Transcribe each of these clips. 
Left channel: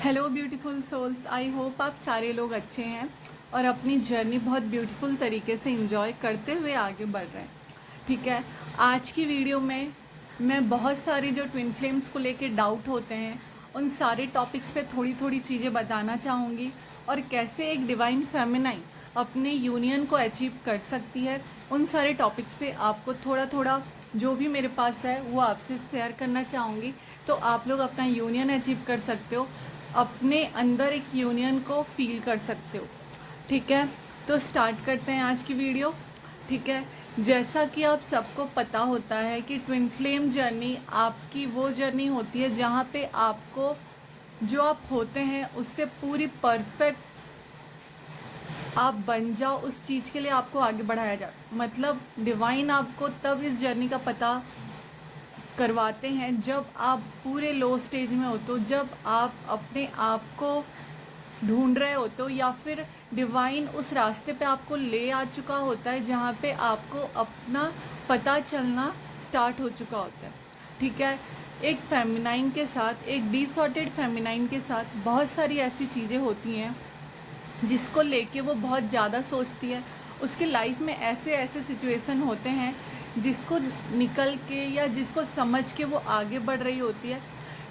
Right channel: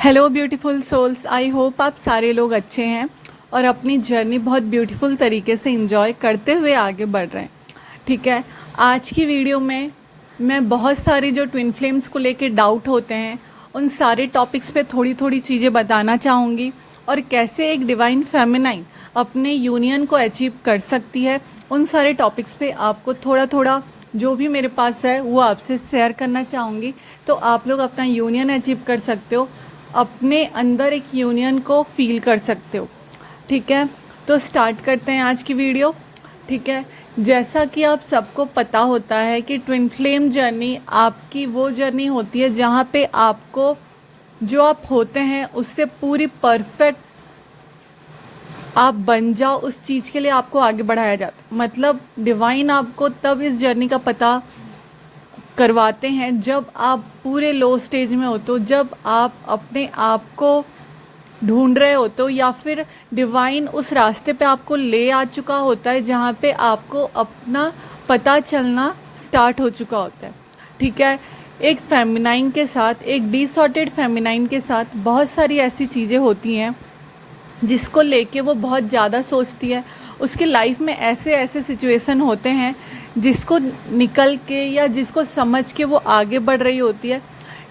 Hello beautiful souls, I hope आप सारे लोग अच्छे हैं और अपनी जर्नी बहुत ब्यूटीफुल तरीके से इंजॉय करते हुए आगे बढ़ रहे हैं। ठीक है, आज की वीडियो में मैं बहुत सारी जो ट्विन फ्लेम्स को लेके डाउट होते हैं उन सारे टॉपिक्स पे थोड़ी थोड़ी चीज़ें बताना चाहूँगी और कैसे एक डिवाइन फेमिनाइन अपने यूनियन को अचीव कर सकती है। उन सारे टॉपिक्स पे आपको थोड़ा थोड़ा जो भी मेरे पास है वो आपसे शेयर करना चाहूँगी, तो आप लोग अपना यूनियन अचीव कर सकते हो, अपने अंदर एक यूनियन को फील कर सकते हो। ठीक है, तो स्टार्ट करते हैं आज की वीडियो। ठीक है, जैसा कि आप सबको पता होता है कि ट्विन फ्लेम जर्नी आपकी वो जर्नी होती है जहाँ पे आपको जो आप होते हैं उससे पूरी परफेक्ट आप बन जाओ, उस चीज़ के लिए आपको आगे बढ़ाया जाता है। मतलब डिवाइन आपको तब इस जर्नी का पता करवाते हैं जब आप पूरे लो स्टेज में होते हो, जब आप अपने आप को ढूंढ रहे होते हो, या फिर डिवाइन उस रास्ते पे आपको ले आ चुका होता है जहाँ पे आपको अपना पता चलना स्टार्ट हो चुका होता है। ठीक है, एक फेमिनाइन के साथ, एक डिसऑर्डेड फेमिनाइन के साथ बहुत सारी ऐसी चीज़ें होती हैं जिसको लेके वो बहुत ज़्यादा सोचती है। उसकी लाइफ में ऐसे ऐसे सिचुएशन होते हैं जिसको निकल के या जिसको समझ के वो आगे बढ़ रही होती है,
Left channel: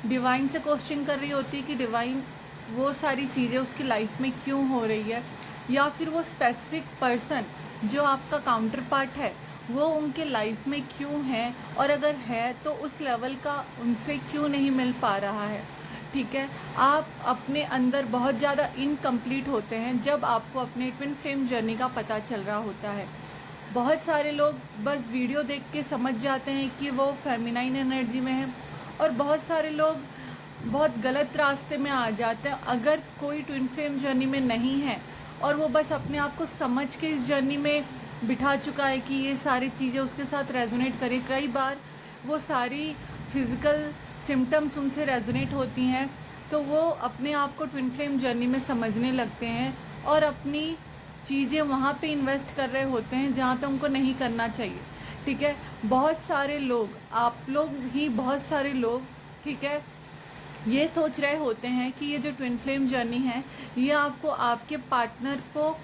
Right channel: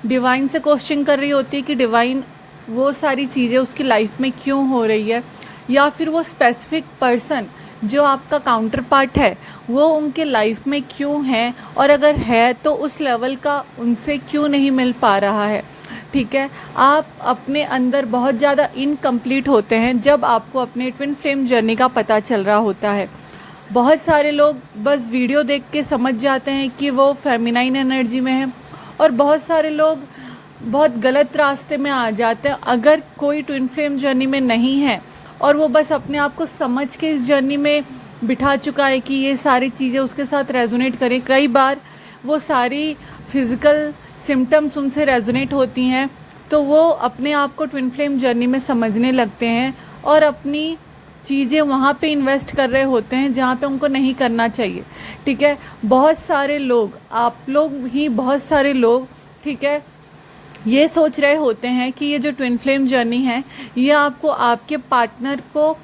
डिवाइन से क्वेश्चन कर रही होती है कि डिवाइन वो सारी चीज़ें उसकी लाइफ में क्यों हो रही है, या फिर वो स्पेसिफिक पर्सन जो आपका काउंटर पार्ट है वो उनके लाइफ में क्यों है, और अगर है तो उस लेवल का उनसे क्यों नहीं मिल पा रहा है। ठीक है, आप अपने अंदर बहुत ज़्यादा इनकम्प्लीट होते हैं जब आपको अपने ट्विन फ्लेम जर्नी का पता चल रहा होता है। बहुत सारे लोग बस वीडियो देख के समझ जाते हैं कि वो फेमिनाइन एनर्जी में है, और बहुत सारे लोग बहुत गलत रास्ते में आ जाते हैं अगर कोई ट्विन फ्लेम जर्नी में नहीं है और वो बस अपने आप को समझ के इस जर्नी में बिठा चुका है कि ये सारी चीज़ें उसके साथ रेजोनेट करें। कई बार वो सारी फिज़िकल सिम्टम्स उनसे रेजोनेट होती हैं, तो वो अपने आप को ट्विन फ्लेम जर्नी में समझने लगते हैं और अपनी चीज़ें वहाँ पे इन्वेस्ट कर रहे होते हैं जहाँ पे उनको नहीं करना चाहिए। ठीक है, बहुत सारे लोग, आप लोग ही बहुत सारे लोग, ठीक है, ये सोच रहे होते हैं कि ये जो ट्विन फ्लेम जर्नी है ये आपको आपके पार्टनर को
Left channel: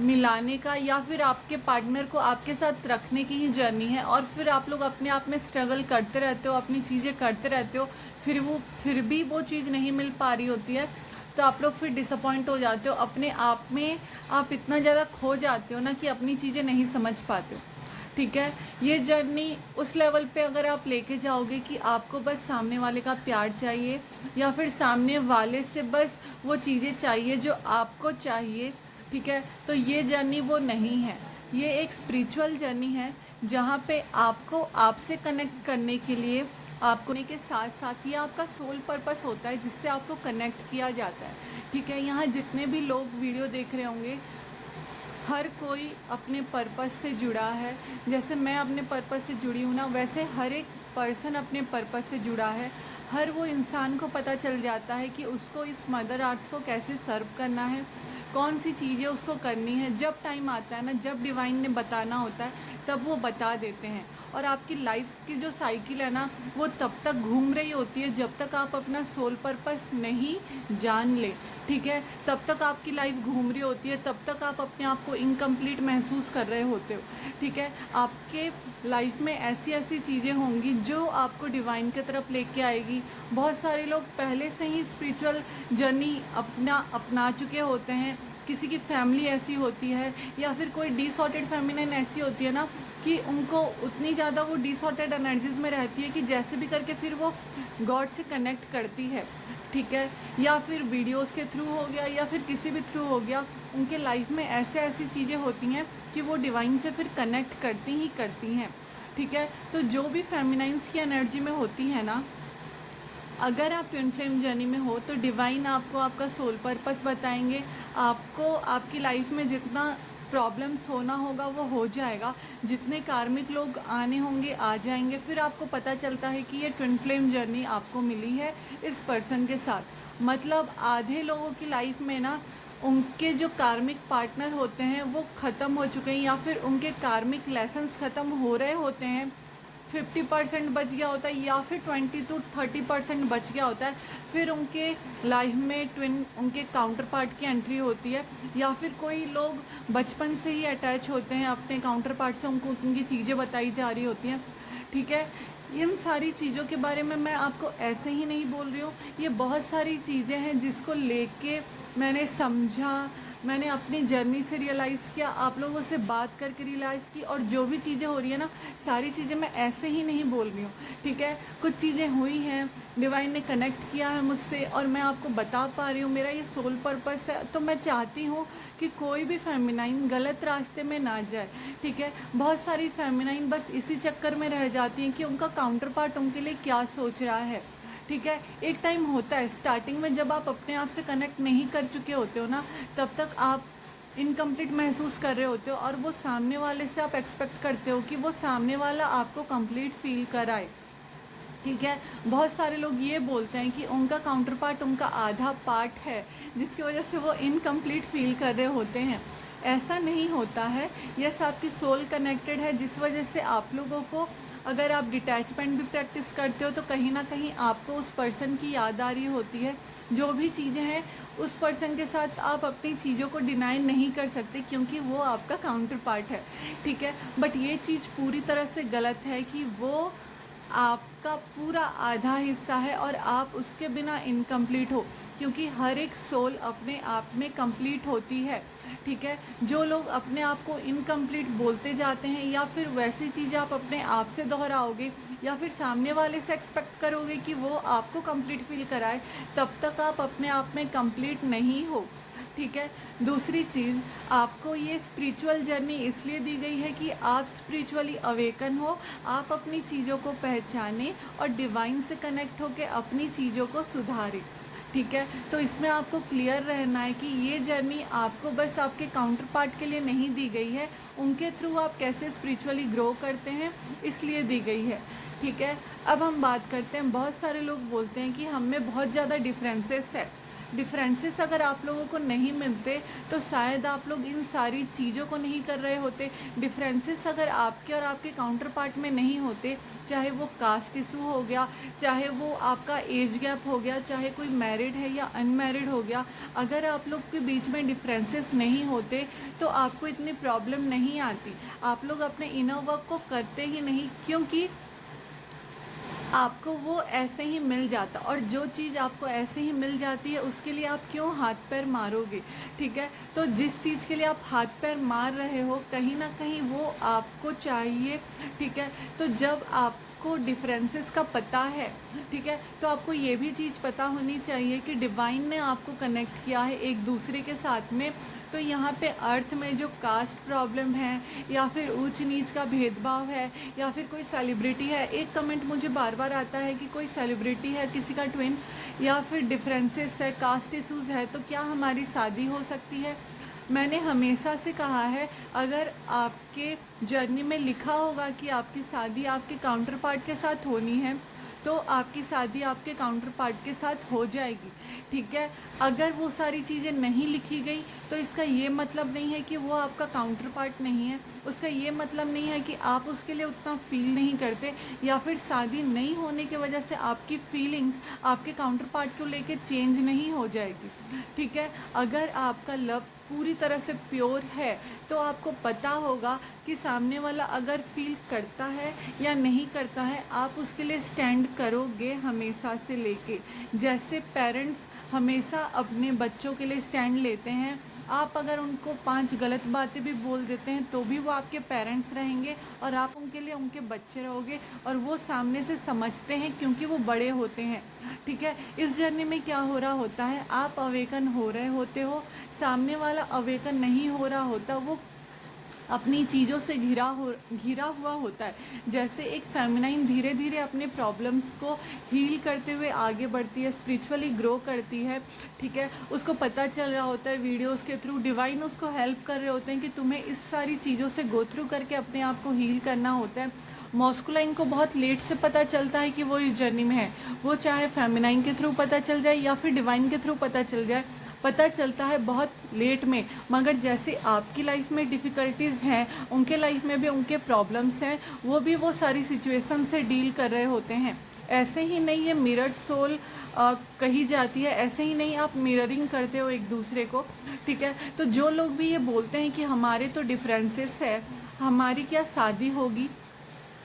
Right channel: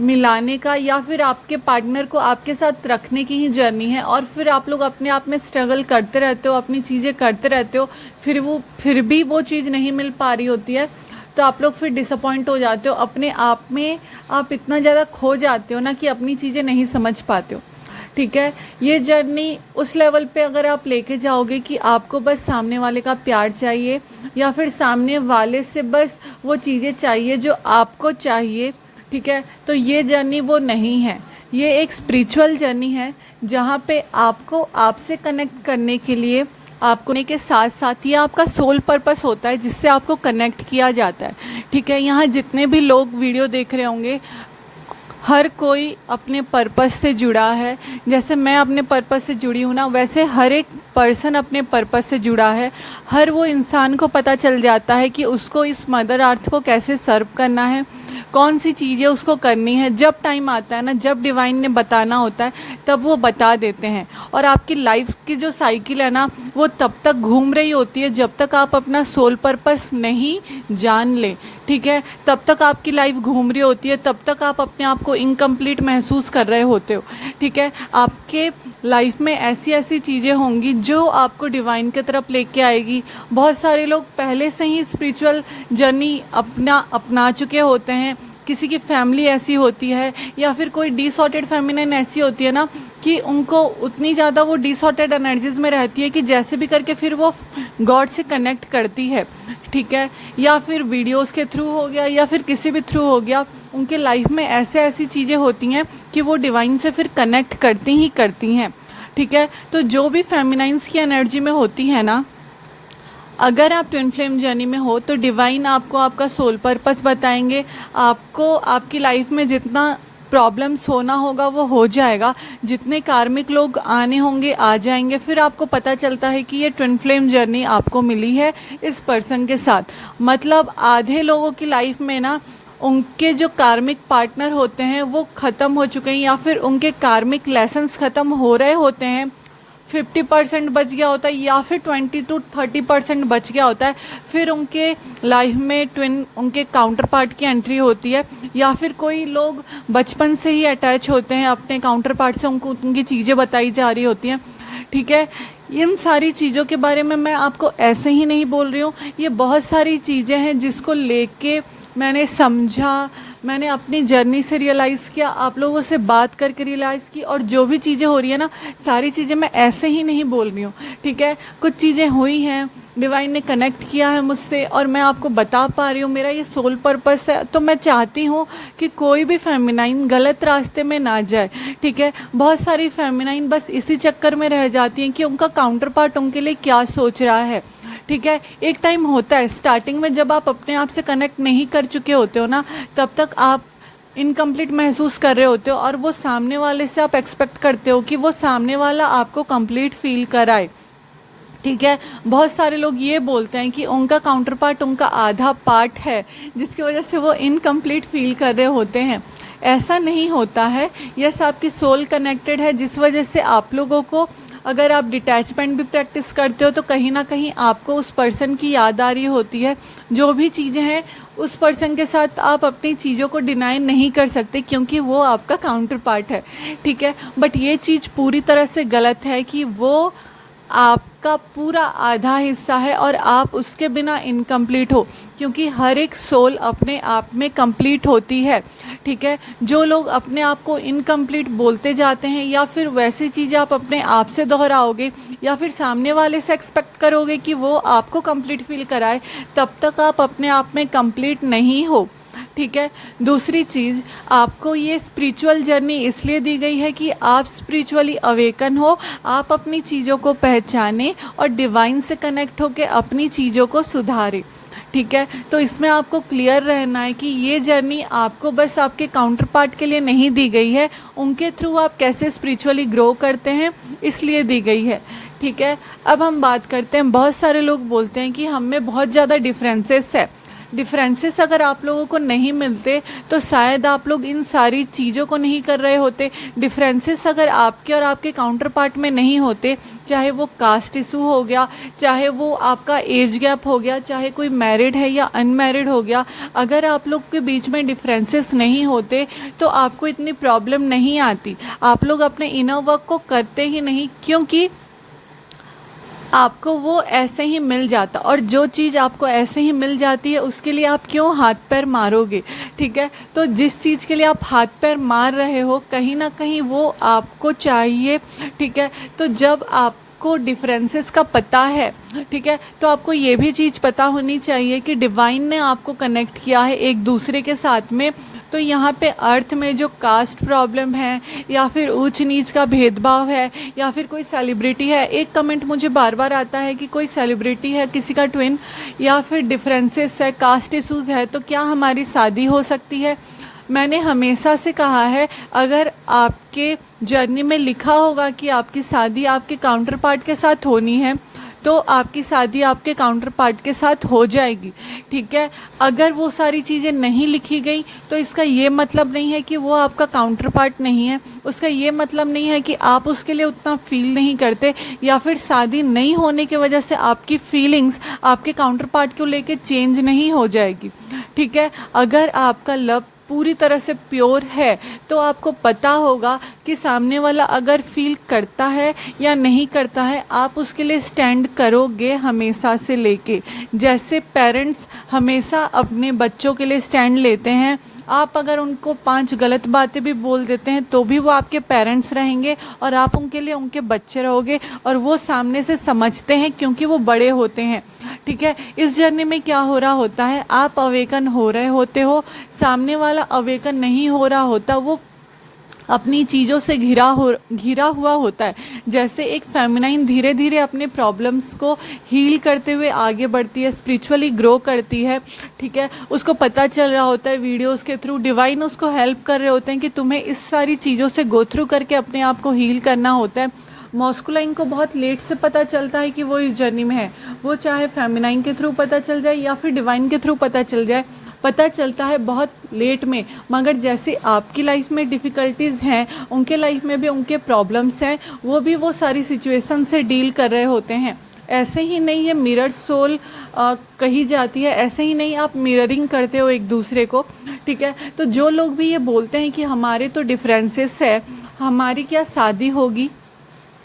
मिलाने का या फिर आपके पार्टनर को आपके साथ रखने की ही जर्नी है, और फिर आप लोग अपने आप में स्ट्रगल करते रहते हो, अपनी चीज़ें करते रहते हो, फिर भी वो चीज़ नहीं मिल पा रही होती है, तो आप लोग फिर डिसअपॉइंट हो जाते हो अपने आप में। आप इतना ज़्यादा खो जाते हो ना कि अपनी चीज़ें नहीं समझ पाते हो। ठीक है, ये जर्नी उस लेवल पे अगर आप लेके जाओगे कि आपको बस सामने वाले का प्यार चाहिए या फिर सामने वाले से बस वो चीज़ें चाहिए जो आपको चाहिए, ठीक है, तो ये जर्नी वो नहीं है। ये एक स्पिरिचुअल जर्नी है जहाँ पे आपको आपसे कनेक्ट करने के लिए, आपको के साथ साथ ये आपका सोल पर्पस होता है जिससे आपको कनेक्ट किया जाता है। ठीक है, यहाँ जितने भी लोग वीडियो देख रहे होंगे हर कोई अपने पर्पस से जुड़ा है। जैसे मैं अपने पर्पस से जुड़ी हूँ ना, वैसे हर एक पर्सन अपने पर्पस से जुड़ा है। हर वो इंसान को पता चल जाता है कि उसको इस मदर अर्थ को कैसे सर्व करना है, कौन सी चीज़ें उसको करनी है। जब टाइम आता है ना, जब डिवाइन ने बताना होता है तब वो बता देते हैं, और आपकी लाइफ की जो साइकिल है ना वो तब तक घूम रही होती है जब तक आप अपना सोल पर्पस नहीं जान ले। ठीक है, तब तक आपकी लाइफ घूम रही होती है, तब तक आप अपने आप को इनकम्प्लीट महसूस कर रहे होते हो। ठीक है, आपके लाइफ में ऐसी ऐसी चीज़ें होंगी जो आपको डिवाइन की तरफ लेके आएगी। बहुत सारे लोग पहले से ही स्पिरिचुअल जर्नी अपना चुके होते हैं। किसी की फैमिली ऐसी होती है या फिर कोई डिसऑर्डेड फेमिनिन ऐसी होती है ना कि उनको उतनी ज़्यादा वो डिसऑर्डेड एनर्जीज़ में रहती है कि जैसे भी करके फिर वो गॉड से कनेक्ट करती है। ठीक है, या फिर वीडियोस के थ्रू हो गया या फिर किसी भी थ्रू हो गया, उनके लाइफ में ऐसे ऐसी चीज़ें होती हैं कि वो डिवाइन से फिर कनेक्ट करती ही करती हैं। ठीक है, तो जो भी फेमिनाइंस की एनर्जी में होती है ना, अगर आप ट्विन फ्लेम जर्नी में हो तो डिवाइन आपको आपका सोल पर्पस बताएंगे। आपको आपकी लाइफ में जितना प्रॉब्लम्स होना होगा वो हो जाएगा, जितने कार्मिक लोग आने होंगे आ जाएंगे। फिर आपको पता चलता है कि ये ट्विन फ्लेम जर्नी आपको मिली है इस पर्सन के साथ। मतलब आधे लोगों की लाइफ में ना उनके जो कार्मिक पार्टनर होते हैं वो ख़त्म हो चुके हैं, या फिर उनके कार्मिक लेसन्स ख़त्म हो रहे होते हैं। 50% बच गया होता है या फिर 20 to 30% बच गया होता है, फिर उनके लाइफ में ट्विन उनके काउंटर पार्ट की एंट्री होती है, या फिर कोई लोग बचपन से ही अटैच होते हैं अपने काउंटर पार्ट से, उनको उनकी चीज़ें बताई जा रही होती हैं। ठीक है, इन सारी चीज़ों के बारे में मैं आपको ऐसे ही नहीं बोल रही हूँ, ये बहुत सारी चीज़ें हैं जिसको लेके मैंने समझा, मैंने अपनी जर्नी से रियलाइज़ किया, आप लोगों से बात करके रियलाइज़ की, और जो भी चीज़ें हो रही है ना, सारी चीज़ें मैं ऐसे ही नहीं बोल रही हूँ। ठीक है, कुछ चीज़ें हुई हैं, डिवाइन ने कनेक्ट किया है मुझसे और मैं आपको बता पा रही हूँ, मेरा ये सोल पर्पस है। तो मैं चाहती हूँ कि कोई भी फेमिनाइन गलत रास्ते में ना जाए। ठीक है, बहुत सारी फेमिनाइन बस इसी चक्कर में रह जाती हैं कि उनका काउंटर पार्ट उनके लिए क्या सोच रहा है। ठीक है, एक टाइम होता है स्टार्टिंग में जब आप अपने आप से कनेक्ट नहीं कर चुके होते हो ना, तब तक आप इनकम्प्लीट महसूस कर रहे होते हो, और वो सामने वाले से आप एक्सपेक्ट करते हो कि वो सामने वाला आपको कंप्लीट फील कराए। ठीक है, बहुत सारे लोग ये बोलते हैं कि उनका काउंटर पार्ट उनका आधा पार्ट है, जिसकी वजह से वो इनकम्प्लीट फील कर रहे होते हैं। ऐसा नहीं होता है। यस, आपकी सोल कनेक्टेड है, जिस वजह से आप लोगों को, अगर आप डिटैचमेंट भी प्रैक्टिस करते हो तो कहीं ना कहीं आपको उस पर्सन की याद आ रही होती है। जो भी चीज़ें हैं उस पर्सन के साथ आप अपनी चीज़ों को डिनाई नहीं कर सकते, क्योंकि वो आपका काउंटर पार्ट है। ठीक है, बट ये चीज़ पूरी तरह से गलत है कि वो आपका पूरा आधा हिस्सा है और आप उसके बिना इनकम्प्लीट हो, क्योंकि हर एक सोल अपने आप में कंप्लीट होती है। ठीक है, जो लोग अपने आप को इनकम्प्लीट बोलते जाते हैं, या फिर वैसी चीज़ें आप अपने आप से दोहराओगे, या फिर सामने वाले से एक्सपेक्ट करोगे कि वो आपको कंप्लीट फील कराए, तब तक आप अपने आप में कंप्लीट नहीं हो। ठीक है, दूसरी चीज़, आपको ये स्पिरिचुअल जर्नी इसलिए दी गई है कि आप स्पिरिचुअली अवेकन हो, आप अपनी चीज़ों को पहचानें और डिवाइन से कनेक्ट होकर अपनी चीज़ों को सुधारें। ठीक है, तो इसमें आपको क्लियर रहना है कि ये जर्नी आपको बस आपके काउंटर पार्ट के लिए नहीं दी गई है, उनके थ्रू आप कैसे स्पिरिचुअली ग्रो करते हैं इसलिए दी गई है। ठीक है, अब हम बात करते हैं, बहुत सारे लोग बोलते हैं कि हम में बहुत ज़्यादा डिफरेंसेस है। डिफरेंसेस अगर आप लोगों को नहीं मिलते तो शायद आप लोग इन सारी चीज़ों को नहीं कर रहे होते। डिफरेंसेस अगर आपके और आपके काउंटर पार्ट में नहीं होते, चाहे वो कास्ट इशू हो गया, चाहे वो आपका एज गैप हो गया, चाहे कोई मैरिड है या अनमैरिड हो गया, अगर आप लोग के बीच में डिफरेंसेस नहीं होते तो आपको इतनी प्रॉब्लम नहीं आती। आप लोग अपने इनर वर्क को करते ही नहीं, क्योंकि आपको वो ऐसे ही मिल जाता, और जो चीज़ आपको ऐसे ही मिल जाती है उसके लिए आप क्यों हाथ पैर मारोगे। ठीक है, तो जिस चीज़ के लिए आप हाथ पैर मार रहे हो कहीं ना कहीं वो आपको चाहिए। ठीक है, तो जब आपको डिफरेंसेस का पता है, ठीक है, तो आपको ये भी चीज़ पता होनी चाहिए कि डिवाइन ने आपको कनेक्ट किया है एक दूसरे के साथ में। तो यहाँ पे अर्थ में जो कास्ट प्रॉब्लम है, या फिर ऊंच नीच का भेदभाव है, या फिर कोई सेलिब्रिटी है, एक कमेंट मुझे बार बार आता है कि कोई सेलिब्रिटी है, किसी का ट्विन, या फिर डिफरेंसेस है, कास्ट इशूज़ है, तो क्या हमारी शादी हो सकती है। मैंने हमेशा से कहा है, अगर आपके जर्नी में लिखा होगा कि आपकी शादी आपके काउंटर पार्ट के साथ होनी है, तो आपकी शादी आपके काउंटर पार्ट के साथ हो जाएगी। ठीक है, अगर वो सारी चीज़ें नहीं लिखी गई तो इसका ये मतलब नहीं है कि वो आपका काउंटर पार्ट नहीं है, उसका ये मतलब नहीं है कि आप उसके लिए उतना फील नहीं करते, या फिर शादी नहीं होने की वजह से आपकी फीलिंग्स आपके काउंटर पार्ट को लेके चेंज नहीं हो जाएगी। ठीक है, अगर आपका लव पूरी तरह से प्योर है तो आपको पता होगा कि सामने वाला अगर फील करता है या नहीं करता है, आप उसके लिए स्टैंड करोगे हमेशा से लेके। जैसे पेरेंट्स हमेशा अपने बच्चों के लिए स्टैंड लेते हैं, आप अगर उनको 5 गलत बातें भी बोल देते हैं तो भी वो आपके पेरेंट्स रहेंगे और आप उनके लिए उनके बच्चे रहोगे, और वो सामने से समझते हैं क्योंकि वो बड़े होते हैं। ठीक है, इस जर्नी में क्या हो रहा होता है, आप अवेकन हो रहे होते हो, सामने वाला अवेकन नहीं हो रहा होता, वो अपनी चीज़ों से घिरा हुआ होता है। जैसे एक फेमिनाइन धीरे धीरे अपने प्रॉब्लम्स को हील करते हुए आगे बढ़ती है, स्पिरिचुअली ग्रो करती है। ठीक है, उसको पता चल रहा होता है वीडियोस के थ्रू, डिवाइन उसको हेल्प कर रहे होते हैं कि तुम्हें इस सारी चीज़ों से गो थ्रू करके अपने आप को हील करना होता है। मॉस्कुलाइन को बहुत लेट से पता चलता है कि वो इस जर्नी में है, वो चाहे फेमिनाइन के थ्रू पता चल जाए या फिर डिवाइन के थ्रू पता चल जाए, पता चलता है बहुत लेट में। मगर जैसे आपकी लाइफ में डिफ़िकल्टीज़ हैं, उनके लाइफ में भी उनके प्रॉब्लम्स हैं, वो भी वो सारी सिचुएशन से डील कर रहे होते हैं। ऐसे ही नहीं ये मिरर सोल कही जाती है, ऐसे ही नहीं आप मिररिंग करते हो एक दूसरे को, ठीक है। तो जो लोग भी ये बोलते हैं कि हमारे तो डिफरेंसेस है, हमारी क्या शादी होगी,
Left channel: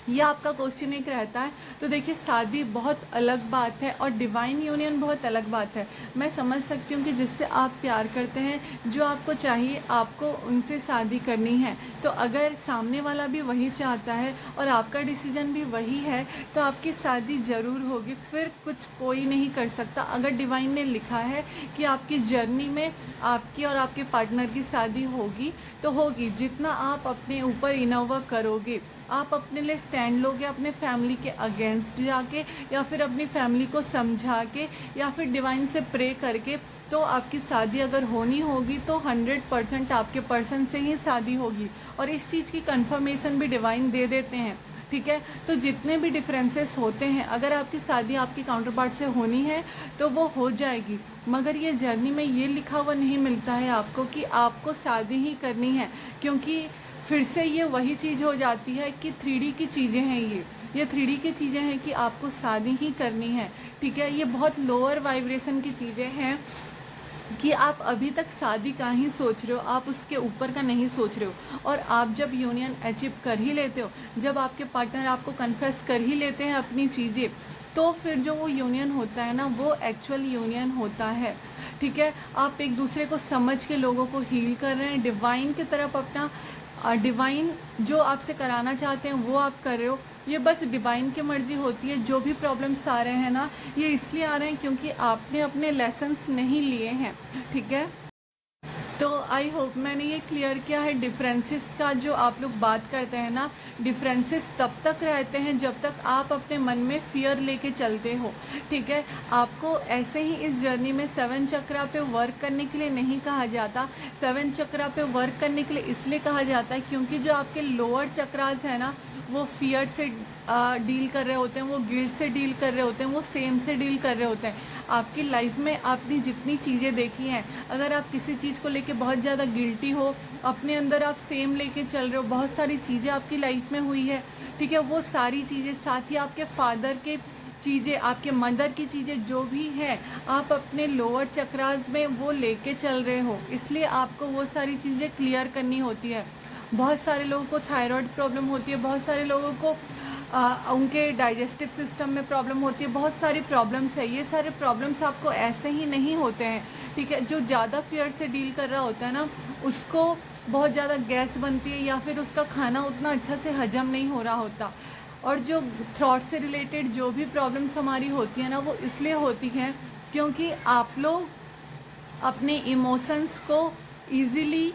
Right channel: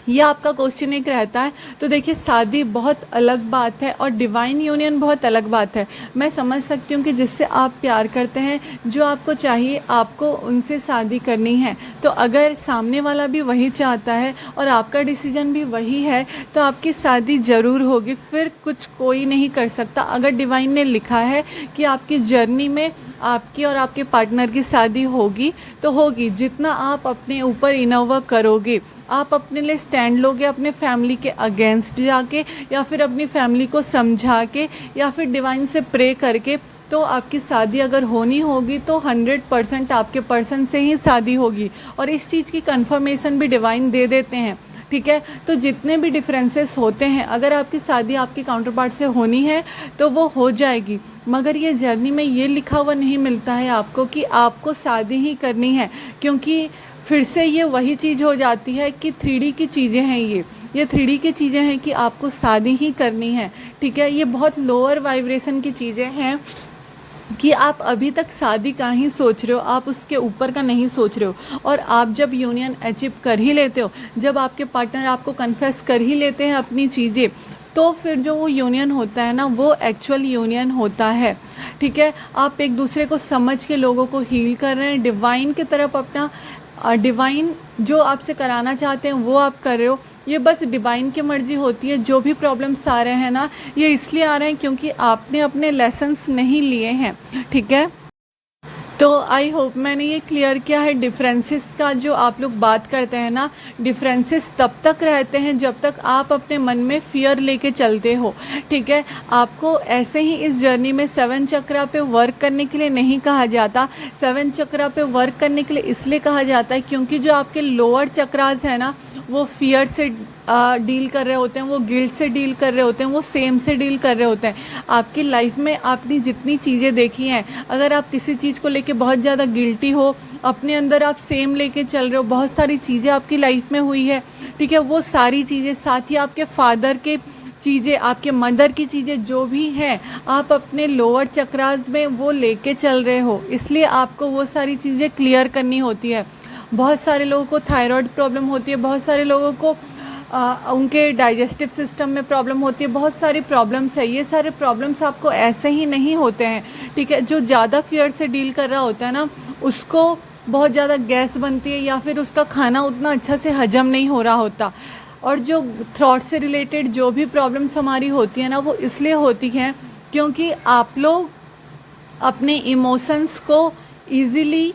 ये आपका क्वेश्चन एक रहता है। तो देखिए, शादी बहुत अलग बात है और डिवाइन यूनियन बहुत अलग बात है। मैं समझ सकती हूँ कि जिससे आप प्यार करते हैं, जो आपको चाहिए, आपको उनसे शादी करनी है। तो अगर सामने वाला भी वही चाहता है और आपका डिसीजन भी वही है, तो आपकी शादी ज़रूर होगी। फिर कुछ कोई नहीं कर सकता। अगर डिवाइन ने लिखा है कि आपकी जर्नी में आपकी और आपके पार्टनर की शादी होगी तो होगी। जितना आप अपने ऊपर इनर वर्क करोगे, आप अपने लिए स्टैंड लोगे अपने फैमिली के अगेंस्ट जाके, या फिर अपनी फैमिली को समझा के, या फिर डिवाइन से प्रे करके, तो आपकी शादी अगर होनी होगी तो 100% आपके पर्सन से ही शादी होगी। और इस चीज़ की कंफर्मेशन भी डिवाइन दे देते हैं, ठीक है। तो जितने भी डिफरेंसेस होते हैं, अगर आपकी शादी आपके काउंटर पार्ट से होनी है तो वो हो जाएगी। मगर ये जर्नी में ये लिखा हुआ नहीं मिलता है आपको कि आपको शादी ही करनी है, क्योंकि फिर से ये वही चीज़ हो जाती है कि 3D की चीज़ें हैं। ये 3D की चीज़ें हैं कि आपको शादी ही करनी है, ठीक है। ये बहुत लोअर वाइब्रेशन की चीज़ें हैं कि आप अभी तक शादी का ही सोच रहे हो, आप उसके ऊपर का नहीं सोच रहे हो। और आप जब यूनियन अचीव कर ही लेते हो, जब आपके पार्टनर आपको कन्फेस कर ही लेते हैं अपनी चीज़ें, तो फिर जो वो यूनियन होता है ना, वो एक्चुअल यूनियन होता है, ठीक है। आप एक दूसरे को समझ के लोगों को हील कर रहे हैं, डिवाइन की तरफ अपना डिवाइन जो आपसे कराना चाहते हैं वो आप कर रहे हो। ये बस डिवाइन की मर्ज़ी होती है। जो भी प्रॉब्लम्स आ रहे हैं ना, ये इसलिए आ रहे हैं क्योंकि आपने अपने लेसन्स नहीं लिए हैं, ठीक है। तो आई होप मैंने ये क्लियर किया है। डिफरेंसेस का जो आप लोग बात करते हैं ना, डिफरेंसेस तब तक रहते हैं जब तक आप अपने मन में फियर लेके चलते हो, ठीक है। आपको ऐसे ही इस जर्नी में 7 चक्रा पे वर्क करने के लिए नहीं कहा जाता। 7 चक्रा पे वर्क करने के लिए इसलिए कहा जाता है क्योंकि जो आपके लोअर चक्रास है ना, वो फियर से डील कर रहे होते हैं, वो गिल्ट से डील कर रहे होते हैं, वो सेम से डील कर रहे होते हैं। आपकी लाइफ में आपने जितनी चीज़ें देखी हैं, अगर आप किसी चीज़ को लेके बहुत ज़्यादा गिल्टी हो, अपने अंदर आप सेम लेके चल रहे हो, बहुत सारी चीज़ें आपकी लाइफ में हुई है, ठीक है। वो सारी चीज़ें, साथ ही आपके फादर के चीज़ें, आपके मदर की चीज़ें जो भी हैं, आप अपने लोअर चक्रास में वो लेके चल रहे हो। इसलिए आपको वो सारी चीज़ें क्लियर करनी होती है। बहुत सारे लोगों को थायराइड प्रॉब्लम होती है, बहुत सारे लोगों को उनके डाइजेस्टिव सिस्टम में प्रॉब्लम होती है, बहुत सारी प्रॉब्लम्स है। ये सारे प्रॉब्लम्स आपको ऐसे ही नहीं होते हैं, ठीक है। जो ज़्यादा फियर से डील कर रहा होता है ना, उसको बहुत ज़्यादा गैस बनती है, या फिर उसका खाना उतना अच्छा से हजम नहीं हो रहा होता। और जो थॉट से रिलेटेड जो भी प्रॉब्लम्स हमारी होती है ना, वो इसलिए होती हैं क्योंकि आप लोग अपने इमोशंस को ईज़िली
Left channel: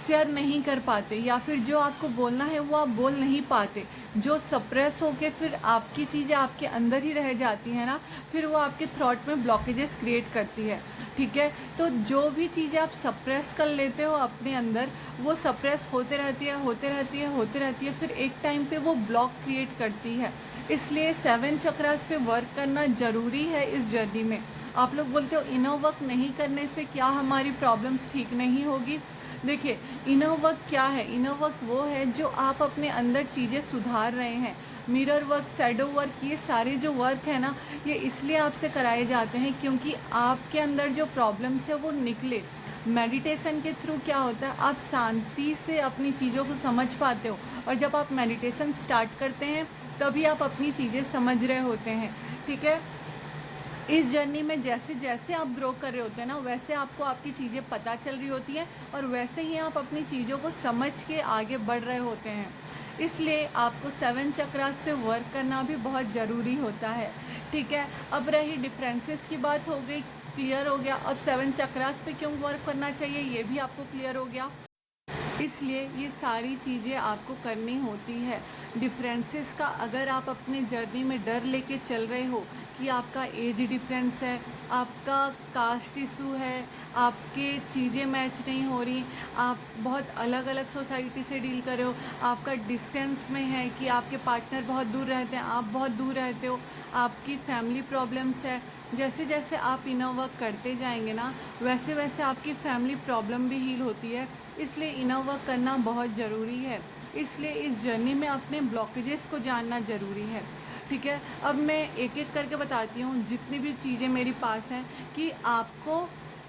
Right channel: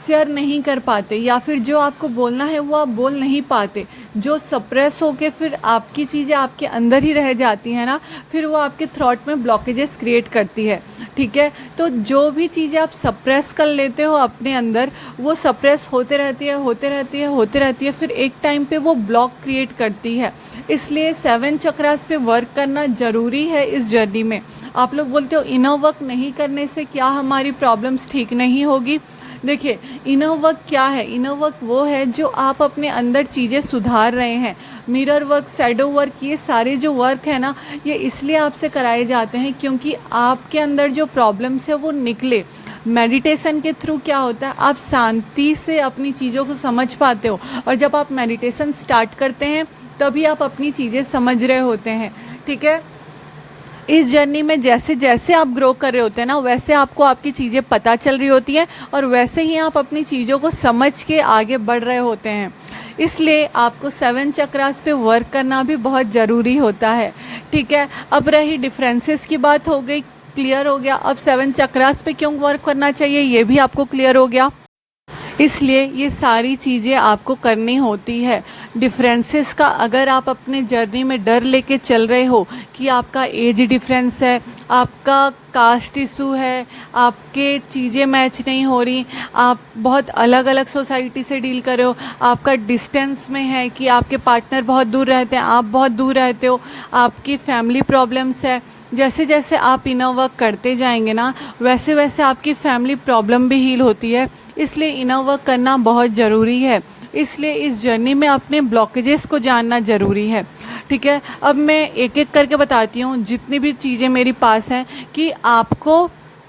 शेयर नहीं कर पाते, या फिर जो आपको बोलना है वो आप बोल नहीं पाते। जो सप्रेस होके फिर आपकी चीज़ें आपके अंदर ही रह जाती हैं ना, फिर वो आपके थॉट में ब्लॉकेजेस क्रिएट करती है, ठीक है। तो जो भी चीज़ें आप सप्रेस कर लेते हो अपने अंदर, वो सप्रेस होते रहती है, होते रहती है, होते रहती है, फिर एक टाइम पे वो ब्लॉक क्रिएट करती है। इसलिए 7 चक्रास पे वर्क करना ज़रूरी है इस जर्नी में। आप लोग बोलते हो इनर वर्क नहीं करने से क्या हमारी प्रॉब्लम्स ठीक नहीं होगी। देखिए, इनर वर्क क्या है? इनर वर्क वो है जो आप अपने अंदर चीज़ें सुधार रहे हैं। मिरर वर्क, शैडो वर्क, ये सारे जो वर्क है ना, ये इसलिए आपसे कराए जाते हैं क्योंकि आपके अंदर जो प्रॉब्लम्स है वो निकले। मेडिटेशन के थ्रू क्या होता है, आप शांति से अपनी चीज़ों को समझ पाते हो, और जब आप मेडिटेशन स्टार्ट करते हैं तभी आप अपनी चीज़ें समझ रहे होते हैं, ठीक है। इस जर्नी में जैसे जैसे आप ग्रो कर रहे होते हैं ना, वैसे आपको आपकी चीज़ें पता चल रही होती हैं, और वैसे ही आप अपनी चीज़ों को समझ के आगे बढ़ रहे होते हैं। इसलिए आपको 7 चक्रास पे वर्क करना भी बहुत ज़रूरी होता है, ठीक है। अब रही डिफरेंसेस की बात, हो गई, क्लियर हो गया। अब 7 चक्रास पे क्यों वर्क करना चाहिए ये भी आपको क्लियर हो गया। इसलिए ये सारी चीज़ें आपको करनी होती है। डिफरेंसेस का अगर आप अपने जर्नी में डर लेके चल रहे हो कि आपका एज डिफरेंस है, आपका कास्ट इशू है, आपके चीज़ें मैच नहीं हो रही, आप बहुत अलग अलग सोसाइटी से डील कर रहे हो, आपका डिस्टेंस में है कि आपके पार्टनर बहुत दूर रहते हैं, आप बहुत दूर रहते हो, आपकी फैमिली प्रॉब्लम्स है, जैसे जैसे आप इनर वर्क करते जाएंगे ना, वैसे वैसे आपकी फैमिली प्रॉब्लम भी हील होती है। इसलिए इनर वर्क करना बहुत ज़रूरी है। इसलिए इस जर्नी में अपने ब्लॉकेजेस को जानना ज़रूरी है। ठीक है, अब मैं एक एक करके बताती हूँ जितनी भी चीज़ें मेरे पास हैं कि आपको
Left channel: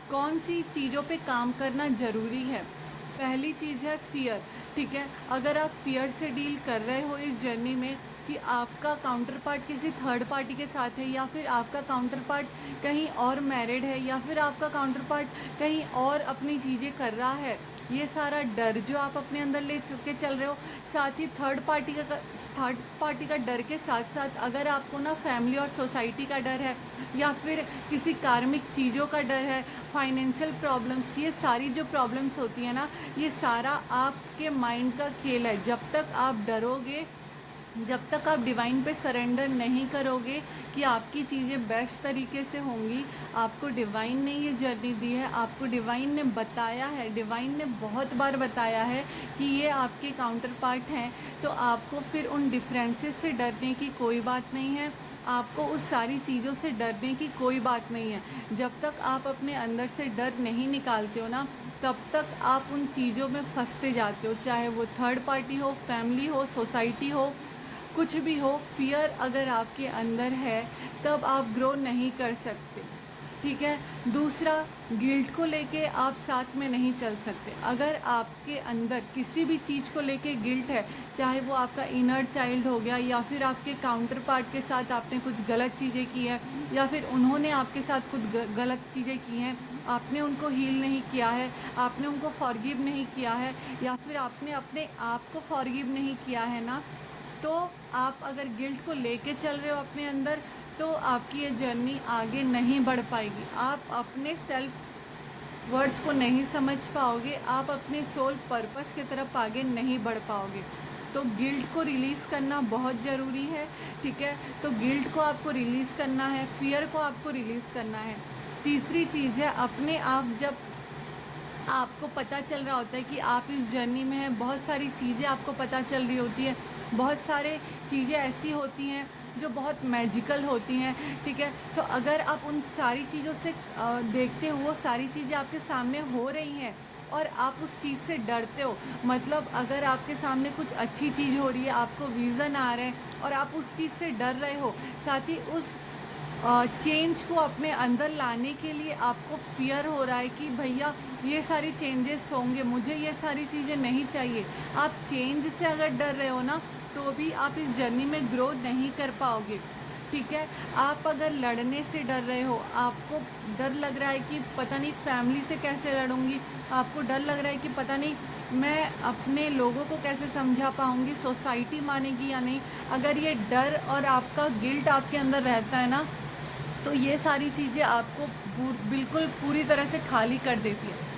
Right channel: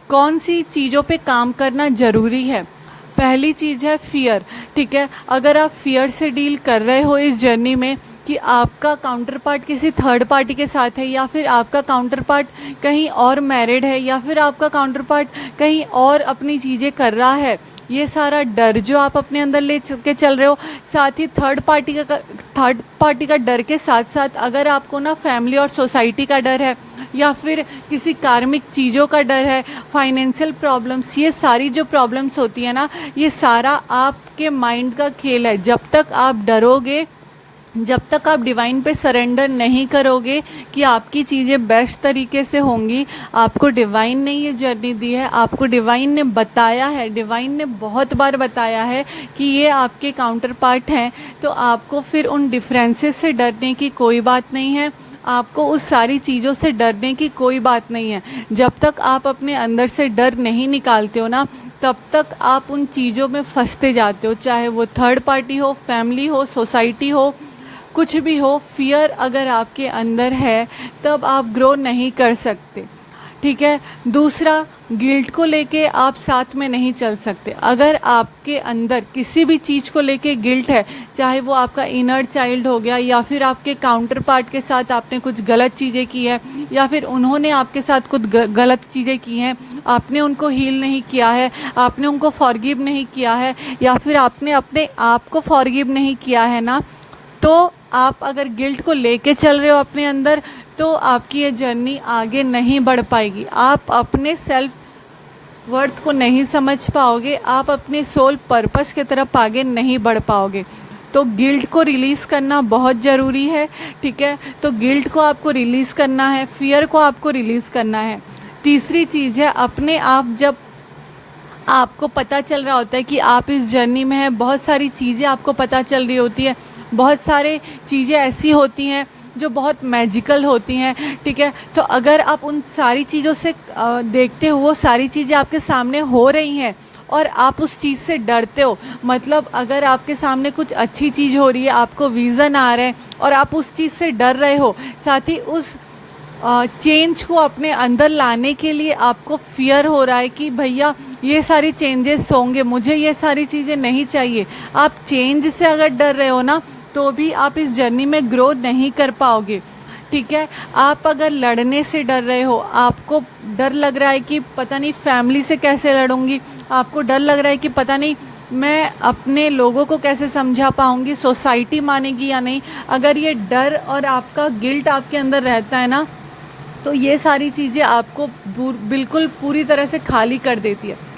कौन सी चीज़ों पे काम करना ज़रूरी है। पहली चीज़ है फ़ियर। ठीक है, अगर आप फ़ियर से डील कर रहे हो इस जर्नी में कि आपका काउंटर पार्ट किसी थर्ड पार्टी के साथ है, या फिर आपका काउंटर पार्ट कहीं और मैरिड है, या फिर आपका काउंटर पार्ट कहीं और अपनी चीज़ें कर रहा है, ये सारा डर जो आप अपने अंदर ले के चल रहे हो, साथ ही थर्ड पार्टी का डर के साथ साथ अगर आपको ना फैमिली और सोसाइटी का डर है, या फिर किसी कार्मिक चीज़ों का डर है, फाइनेंशियल प्रॉब्लम्स, ये सारी जो प्रॉब्लम्स होती है ना, ये सारा आपके माइंड का खेल है। जब तक आप डरोगे, जब तक आप डिवाइन पे सरेंडर नहीं करोगे कि आपकी चीज़ें बेस्ट तरीके से होंगी, आपको डिवाइन ने ये जर्नी दी है, आपको डिवाइन ने बताया है, डिवाइन ने बहुत बार बताया है कि ये आपके काउंटर पार्ट हैं, तो आपको फिर उन डिफरेंसेस से डरने की कोई बात नहीं है। आपको उस सारी चीज़ों से डरने की कोई बात नहीं है। जब तक आप अपने अंदर से डर नहीं निकालते हो ना, तब तक आप उन चीज़ों में फंसते जाते हो, चाहे वो थर्ड पार्टी हो, फैमिली हो, सोसाइटी हो, कुछ भी हो। फियर अगर आपके अंदर है तब आप ग्रो नहीं कर सकते। ठीक है, दूसरा, गिल्ट को लेके आप साथ में नहीं चल सकते। अगर आपके अंदर किसी भी चीज़ को लेके गिल्ट है, चाहे वो आपका इनर चाइल्ड हो गया, या फिर आपके काउंटर पार्ट के साथ आपने कुछ गलत चीज़ें की है, या फिर उन्होंने आपके साथ कुछ गलत चीज़ें की हैं, आपने उनको हील नहीं किया है, आपने उनको फॉरगिव नहीं किया है, या फिर आपने अपने आप को फॉरगिव नहीं किया है ना, तो आप अगर गिल्ट को लेके चल रहे हो अपने अंदर, तो आपकी ये जर्नी आगे नहीं बढ़ पाएगी। आप अपने सेल्फ वर्थ को नहीं समझ पाओगे, आप अपने सोल पर्पस की तरफ आगे नहीं बढ़ पाओगे। तो गिल्ट को रिलीज़ करना बहुत ज़रूरी है। ठीक है, तो गिल्ट को आपको रिलीज़ करना है, फियर को आपको रिलीज़ करना है। तीसरी चीज़ है, अपने आप जब आपको पता चल रहा होता है कि आप इस जर्नी में हैं, बहुत सारी चीज़ें आपको पता चल रही होती है, बहुत सारे चीज़ें ऐसी होती हैं जो बहुत मैजिकल होती हैं। ठीक है, तो अगर आप उन सारी चीज़ों से देखते हो, वो सारी चीज़ें आपके सामने हो रही हैं और आप उस चीज़ से डरते हो, मतलब अगर आपके सामने कुछ अच्छी चीज़ हो रही है, आपको विज़न आ रहे हैं और आप उस चीज़ से डर रहे हो, साथ ही उस चेंज को अपने अंदर लाने के लिए आपको फियर हो रहा है कि भैया ये सारी चेंजेस होंगे, मुझे ये सारी चीज़ें नहीं चाहिए। आप चेंज से अगर डर रहे हो ना, तो भी आप इस जर्नी में ग्रो नहीं कर पाओगे। ठीक है, आप अगर लड़ने से डर रहे हो, आपको डर लग रहा है कि पता नहीं फैमिली से कैसे लड़ूंगी, आपको डर लग रहा है कि पता नहीं मैं अपने लोगों को कैसे समझा पाऊंगी, सोसाइटी मानेगी या नहीं, अगर ये डर और आपका गिल्ट आपके अंदर रहता है ना, तो ये सारी चीज़ें आपको बिल्कुल पूरी तरह से खाली कर देती है।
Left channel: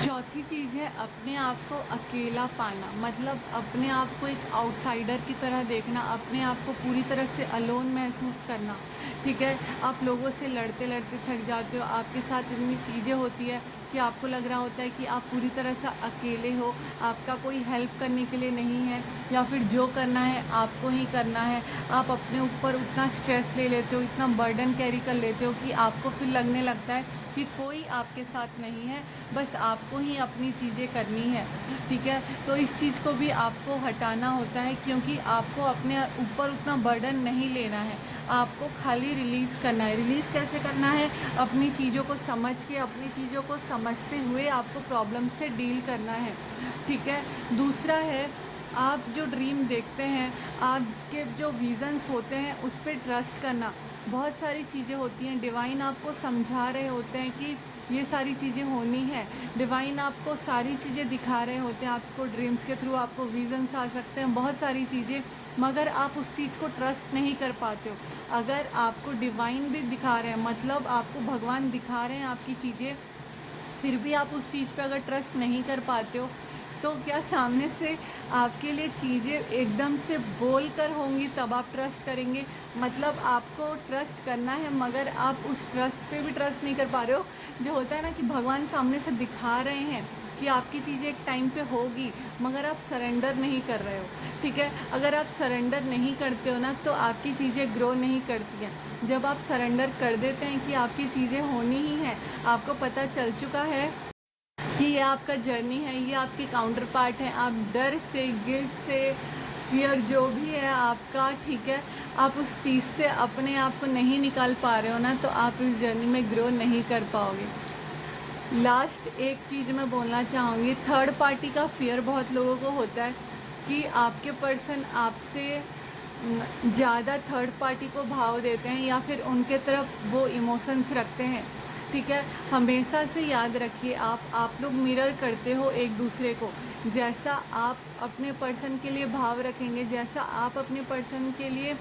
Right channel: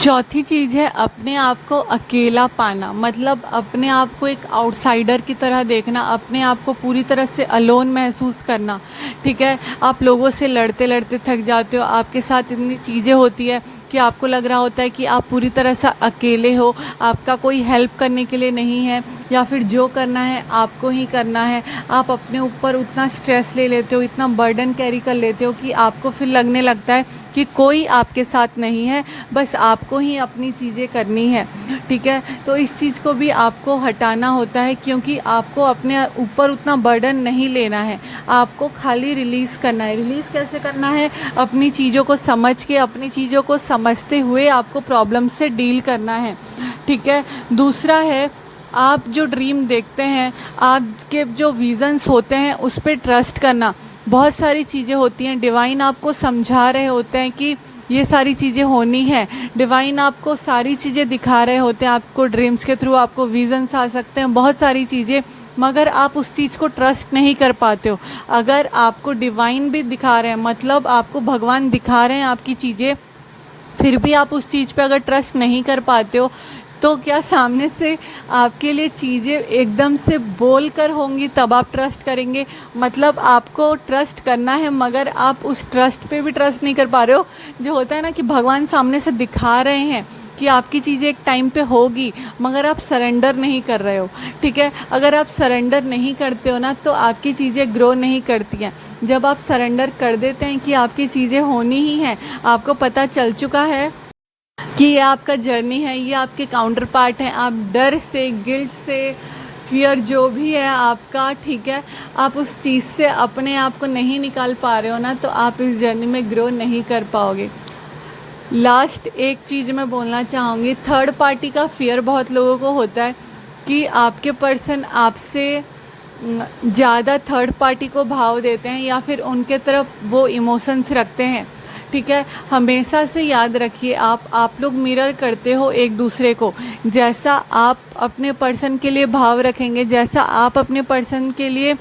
चौथी चीज़ है अपने आप को अकेला पाना, मतलब अपने आप को एक आउटसाइडर की तरह देखना, अपने आप को पूरी तरह से अलोन महसूस करना। ठीक है, आप लोगों से लड़ते लड़ते थक जाते हो, आपके साथ इतनी चीज़ें होती है कि आपको लग रहा होता है कि आप पूरी तरह से अकेले हो, आपका कोई हेल्प करने के लिए नहीं है, या फिर जो करना है आपको ही करना है। आप अपने ऊपर उतना स्ट्रेस ले लेते हो, इतना बर्डन कैरी कर लेते हो कि आपको फिर लगने लगता है कि कोई आपके साथ नहीं है, बस आपको ही अपनी चीज़ें करनी है। ठीक है, तो इस चीज़ को भी आपको हटाना होता है, क्योंकि आपको अपने ऊपर उतना बर्डन नहीं लेना है, आपको खाली रिलीज़ करना है। रिलीज़ कैसे करना है? अपनी चीज़ों को समझ के, अपनी चीज़ों को समझते हुए आपको प्रॉब्लम से डील करना है। ठीक है, दूसरा है आप जो ड्रीम देखते हैं, आपके जो विज़न्स होते हैं, उस पर ट्रस्ट करना। बहुत सारी चीज़ें होती हैं, डिवाइन आपको समझा रहे होते हैं कि ये सारी चीज़ें होनी है, डिवाइन आपको सारी चीज़ें दिखा रहे होते हैं, आपको ड्रीम्स के थ्रू आपको विज़न्स आ सकते हैं, बहुत सारी चीज़ें, मगर आप उस चीज़ को ट्रस्ट नहीं कर पाते हो। अगर आपको डिवाइन भी दिखा रहे हैं, मतलब आपको भगवान दिखा रहे हैं आपकी चीज़ें, फिर भी आप उस चीज़ पे अगर ट्रस्ट नहीं कर पाते हो, तो क्या सामने से आपके लिए चीज़ें एकदम से बोल कर होंगी तब आप ट्रस्ट करेंगे? मतलब आपको ट्रस्ट करना है, मगर आप उस ट्रस्ट पे भी ट्रस्ट नहीं कर पा रहे हो। जो होता है ना कि भगवान सामने से दिखा रहे हैं कि आपकी चीज़ें एक टाइम पे होगी, मगर आप सरेंडर नहीं कर रहे हो। ठीक है, अगर आप सरेंडर नहीं करते हो ना, तो आपकी चीज़ें ग्रो नहीं करती हैं। जब आप सरेंडर कर देते हैं कि आपकी चीज़ें होनी ही हैं, आपको पता चल चुका है कि ये आपका जर्नी है, ये आपके काउंटर पार्ट हैं, आप डर से, गिल्ट से, फियर जो भी है आपका, ठीक है, आप उस चीज़ से अपने आप को नहीं निकाल पा रहे हो ना, तो आप इस जर्नी में ग्रो नहीं कर पाओगे। लास्ट एक चीज़ मैं बोलना चाहूँगी, थर्ड पार्टी का फियर बहुत लोगों को होता है कि आपके पर्सन आपसे ज़्यादा थर्ड पार्टी को भाव देते हैं या फिर उनके तरफ वो इमोशंस रखते हैं, ठीक है। हमेशा से याद रखिए, आप लोग मिरर करते हो एक दूसरे को। जैसा आप अपने पर्सन के लिए भाव रखेंगे, जैसा आप अपने पर्सन के लिए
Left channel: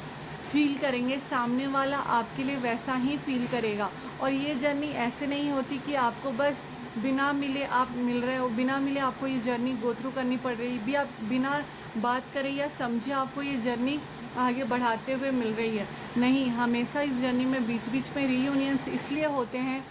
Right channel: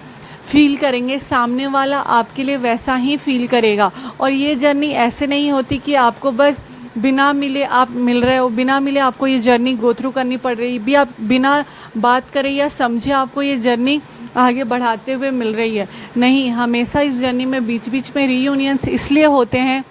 फील करेंगे, सामने वाला आपके लिए वैसा ही फील करेगा। और ये जर्नी ऐसे नहीं होती कि आपको बस बिना मिले आप मिल रहे हो, बिना मिले आपको ये जर्नी गो थ्रू करनी पड़ रही भी, आप बिना बात करें या समझे आपको ये जर्नी आगे बढ़ाते हुए मिल रही है। नहीं, हमेशा इस जर्नी में बीच बीच में रीयूनियंस इसलिए होते हैं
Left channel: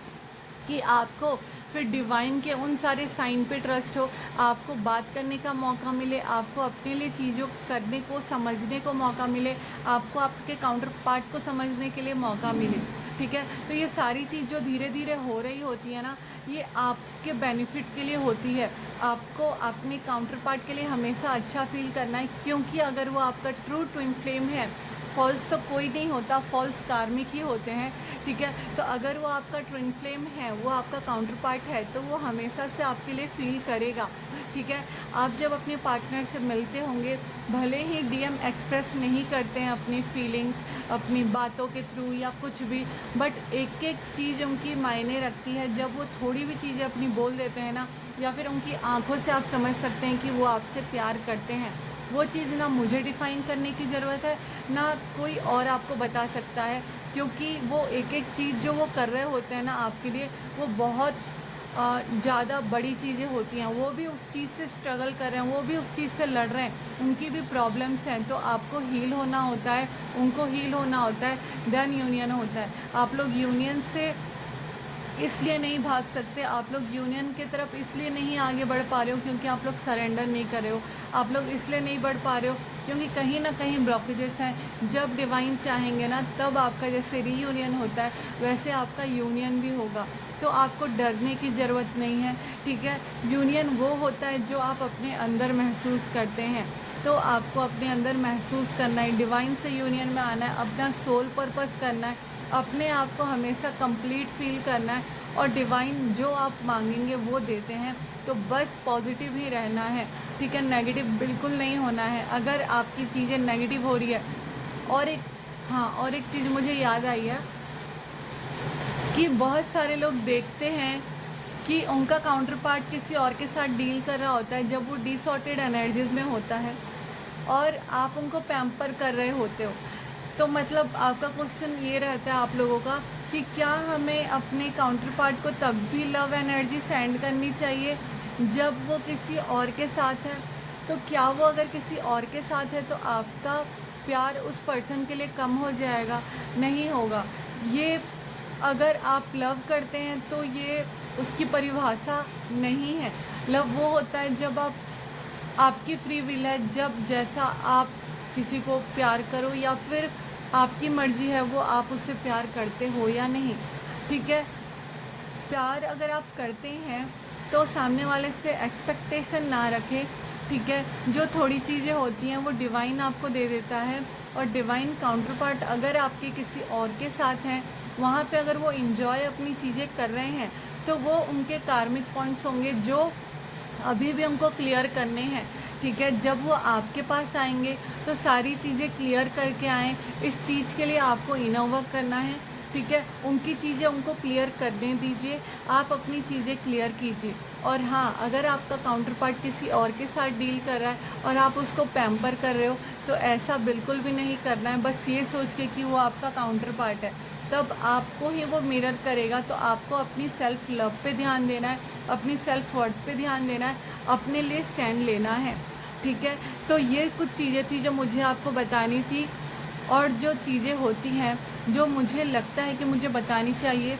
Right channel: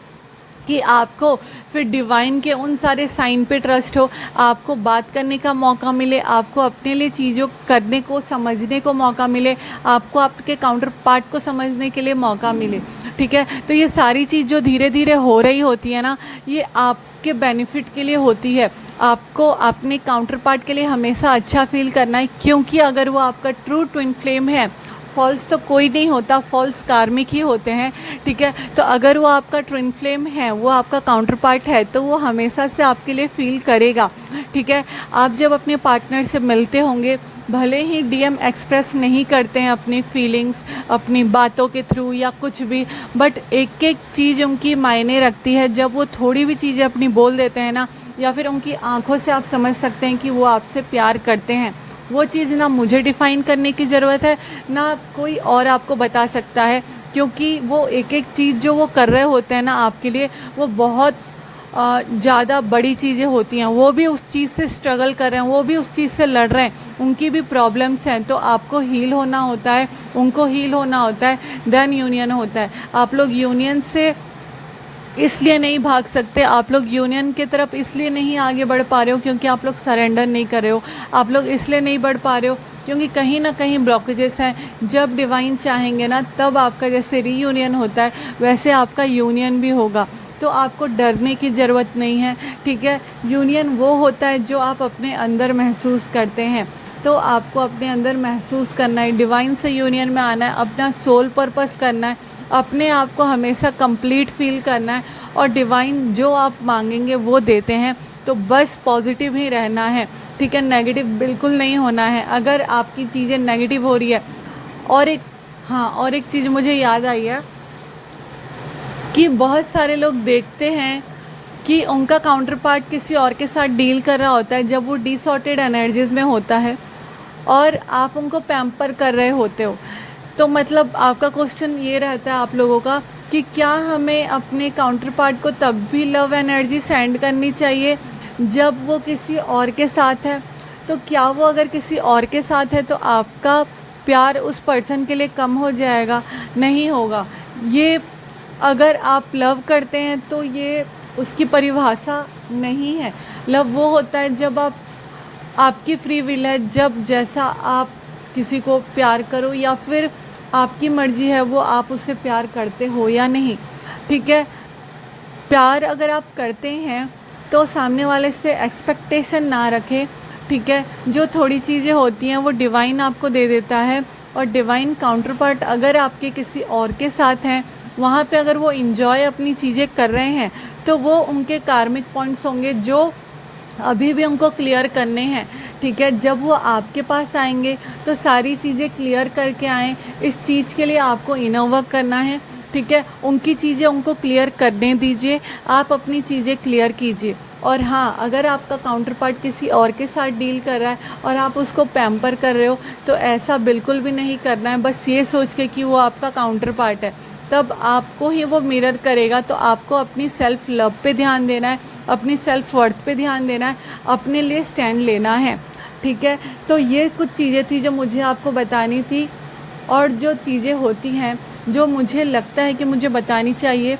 कि आपको फिर डिवाइन के उन सारे साइन पे ट्रस्ट हो, आपको बात करने का मौका मिले, आपको अपने लिए चीज़ों करने को, समझने को मौका मिले, आपको आपके काउंटर पार्ट को समझने के लिए मौका मिले, ठीक है। तो ये सारी चीज़ जो धीरे धीरे हो रही होती है ना, ये आपके बेनिफिट के लिए होती है। आपको अपने काउंटर पार्ट के लिए हमेशा अच्छा फील करना है, क्योंकि अगर वो आपका ट्रू ट्विन फ्लेम है, फॉल्स तो कोई नहीं होता, फॉल्स कार्मिक ही होते हैं, ठीक है। तो अगर वो आपका ट्विन फ्लेम है, वो आपका काउंटर पार्ट है, तो वो हमेशा से आपके लिए फील करेगा, ठीक है। आप जब अपने पार्टनर से मिलते होंगे, भले ही डीएम एक्सप्रेस नहीं करते हैं अपनी फीलिंग्स अपनी बातों के थ्रू या कुछ भी, बट एक एक चीज़ उनकी मायने रखती है। जब वो थोड़ी भी चीज़ें अपनी बोल देते हैं ना, या फिर उनकी आंखों से आप समझ सकते हैं कि वो आपसे प्यार करते हैं। वो चीज़ ना मुझे डिफ़ाइन करने की ज़रूरत है, ना कोई और आपको बता सकता है, क्योंकि वो एक एक चीज़ जो वो कर रहे होते हैं ना आपके लिए, वो बहुत ज़्यादा बड़ी चीज़ें होती हैं। वो भी उस चीज़ से स्ट्रगल कर रहे हैं, वो भी उस चीज़ से लड़ रहे हैं, उनकी भी प्रॉब्लम्स हैं। तो आपको हील होना होता है, उनको हील होना होता है, देन यूनियन होता है। आप लोग यूनियन से इसलिए नहीं भाग सकते, आप लोग यूनियन की तरफ इसलिए नहीं आगे बढ़ पा रहे हो क्योंकि आप लोग सरेंडर नहीं कर रहे हो। आप लोग इसलिए नहीं बढ़ पा रहे हो क्योंकि कहीं ना कहीं ब्लॉकेजेस हैं। जब डिवाइन चाहेंगे ना, तब आपका जैसे रीयूनियन होता है, वैसे आपका यूनियन भी होगा। तो आपको डरने की ज़रूरत नहीं है, ठीक है। यूनियन वो होता है जो आप अपने अंदर महसूस करते हैं। तो आपको अपने अंदर महसूस करना है, डिवाइन से यूनियन में आना है, अपना सोल पर्पस करना है, अपने आप को हमेशा कंप्लीट फील करना है, और डिवाइन जो आप मांगेंगे वो देते हैं। तो बस पॉजिटिव ही रहना है, ठीक है, नेगेटिव बिल्कुल नहीं होना है। अगर आपकी चीज़ें नेगेटिव हो रही है, और एक चीज़ मुझे याद आई है कि बहुत सारे लोग देखते हैं कि उनका काउंटर पार्ट किसी और के साथ डील कर रहा होता है जब वो डिसऑर्टेड एनर्जीज़ में होता है, और आप उनको पैम्पर कर रहे होते हो। तो मतलब आपका क्वेश्चन ये रहता है आप लोगों का कि क्या हमें अपने काउंटर पार्ट को तब भी लव एनर्जी सेंड करनी चाहिए जब वो किसी और के साथ है? तो क्या वो अगर किसी और के साथ है तो आपका प्यार उस पर्सन के लिए कम हो जाएगा? नहीं होगा। ये अगर आप लव करते हैं तो ये उसकी परिभाषा नहीं है। लव वो होता है जब आपकी फ्री विल है, जब जैसा आप किसी को प्यार करो, या फिर आपकी मर्ज़ी है वो आप उससे प्यार करते हो या नहीं, ठीक है। प्यार अगर आप करते हैं तो सामने वाले से एक्सपेक्टेशन ना रखें, ठीक है। जो थोड़ी चीज़ें होती हैं वो डिवाइन आपको दे देता है, और डिवाइन काउंटर पार्ट अगर आपके किसी और के साथ हैं, वहाँ पे अगर वो इंजॉय अपनी चीज़ें कर रहे हैं, तो वो उनके कार्मिक पॉइंट्स होंगे जो अभी भी उनको क्लियर करने हैं, ठीक है। जब वो आपके पास आएंगे तो सारी चीज़ें क्लियर करके आएँ। इस चीज़ के लिए आपको इनर वर्क करना है, ठीक है। उनकी चीज़ें उनको क्लियर करने दीजिए, आप अपनी चीज़ें क्लियर कीजिए। और हाँ, अगर आपका काउंटर पार्ट किसी और के साथ डील कर रहा है और आप उसको पैम्पर कर रहे हो, तो ऐसा बिल्कुल भी नहीं करना है। बस ये सोच के कि वो आपका काउंटर पार्ट है, तब आपको ही वो मिरर करेगा। तो आपको अपनी सेल्फ लव पे ध्यान देना है, अपनी सेल्फ वर्थ पे ध्यान देना है, अपने लिए स्टैंड लेना है, ठीक है। तो ये कुछ चीज़ें थी जो मुझे आपको बतानी थी, और जो चीज़ें होती हैं जो मुझे लगता है कि मुझे बतानी चाहिए,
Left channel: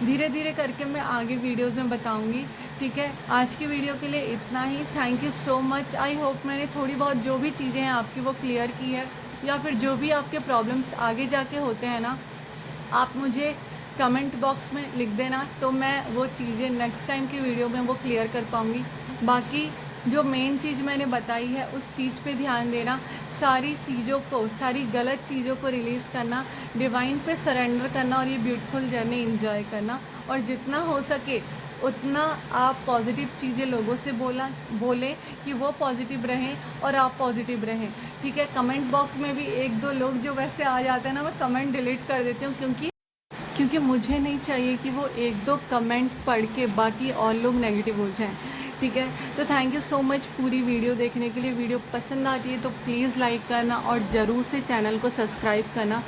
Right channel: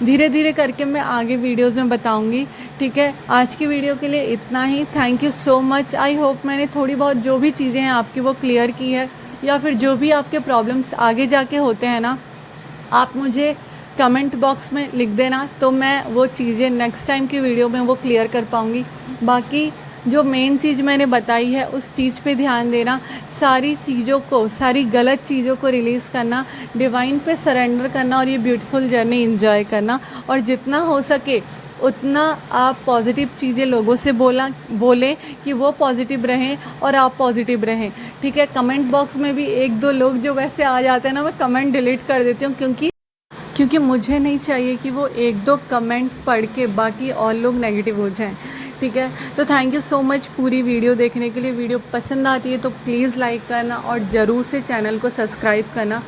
धीरे धीरे करके मैं आगे वीडियोज़ में बताऊंगी, ठीक है। आज की वीडियो के लिए इतना ही। Thank you so much. I hope मैंने थोड़ी बहुत जो भी चीज़ें हैं आपकी वो क्लियर की है, या फिर जो भी आपके प्रॉब्लम्स आगे जाके होते हैं ना, आप मुझे कमेंट बॉक्स में लिख देना, तो मैं वो चीज़ें नेक्स्ट टाइम की वीडियो में वो क्लियर कर पाऊँगी। बाकी जो मेन चीज़ मैंने बताई है उस चीज़ पे ध्यान देना, सारी चीज़ों को, सारी गलत चीज़ों को रिलीज़ करना, डिवाइन पे सरेंडर करना और ये ब्यूटीफुल जर्नी एंजॉय करना। और जितना हो सके उतना आप पॉजिटिव चीज़ें लोगों से बोलें कि वो पॉजिटिव रहें और आप पॉजिटिव रहें, ठीक है। कमेंट बॉक्स में भी एक दो लोग जो वैसे आ जाते हैं ना, मैं कमेंट डिलीट कर देती हूँ, क्योंकि मुझे नहीं चाहिए कि वो एक दो कमेंट पढ़ के बाकी और लोग नेगेटिव हो जाएं, ठीक है। तो थैंक यू सो मच पूरी वीडियो देखने के लिए। वीडियो पसंद आती है तो प्लीज़ लाइक करना और ज़रूर से चैनल को सब्सक्राइब करना,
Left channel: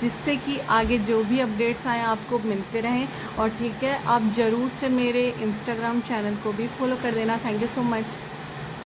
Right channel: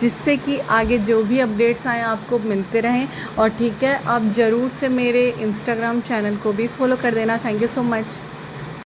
जिससे कि आगे जो भी अपडेट्स आएँ आपको मिलते रहें। और ठीक है, आप ज़रूर से मेरे इंस्टाग्राम चैनल को भी फॉलो कर देना। Thank you so much.